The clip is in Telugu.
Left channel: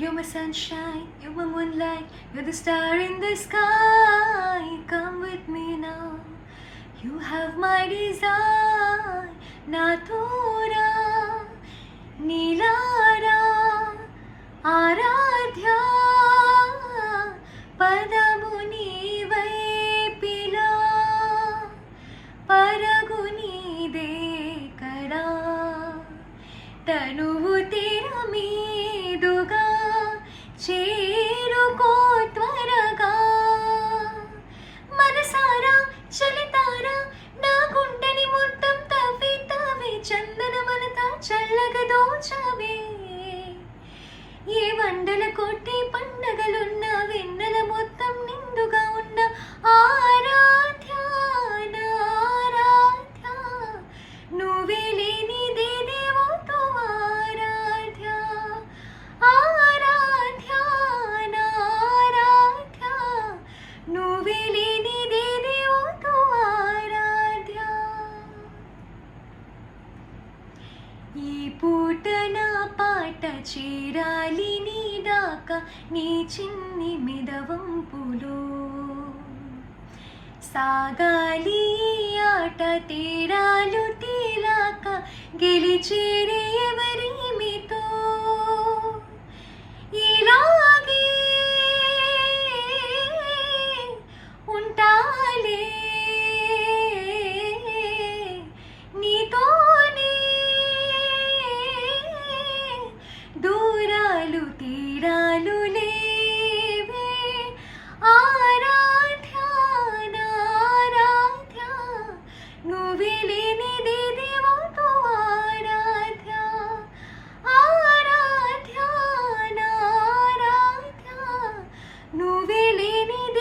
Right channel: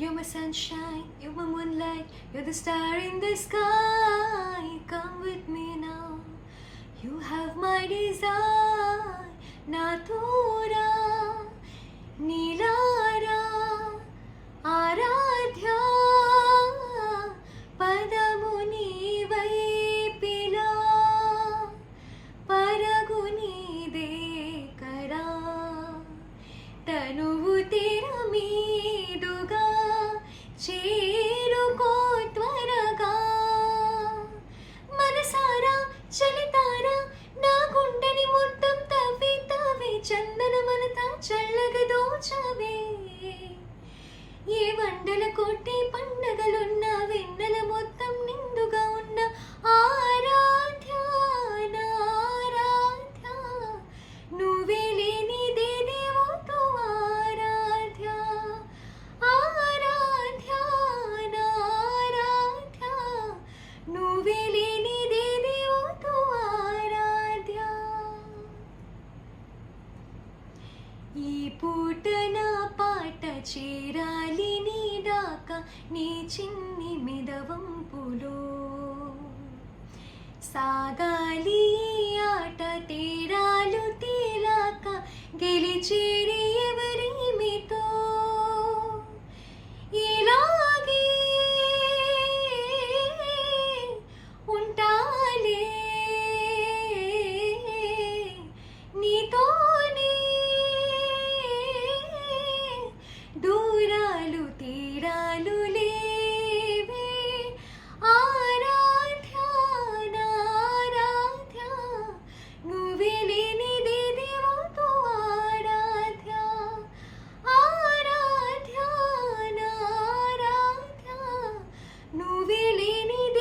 You're my sunshine, you're my moonlight, you're the star in the sky. Come with me now, you have my desire. Na tora nilara ఆరాధ్య పదము నీవై పిలా పరగు నీదే కరా తనువు తెర మీదుగా చేరుకో త్వరగా మనసారా చలితారా నా గుండెని మొత్తం తవ్వి తవ్వి చందనమలతా చల్లగా దోచవే ఏ వండల కొట్టి పండగలున్న వెన్నెల మొత్తం నిండుగా ఉన్న ఆరాధ్య ఆరాధ్య నువ్వే లేనిదే దేవతో ఆరాధ్య ఆరాధ్య ఆరాధ్య నువ్వే లేనిదే దేవతో ఆరాధ్య ఈ పూట నా పాట చేరాలి నీ దాకా నీ చిన్ని మిదవంపులో సాగాలి ఆట తీరాలు తేలాక గెలిచేరి ఎవరిమితో ఇలాగే ఉంటాలే నీతోనే దూరాలు తీరాలు లేవే ఆరాధ్య ఆరాధ్య నువ్వే లేనిదే దేవతో ఆరాధ్య ఆరాధ్య ఆరాధ్య నువ్వే లేనిదే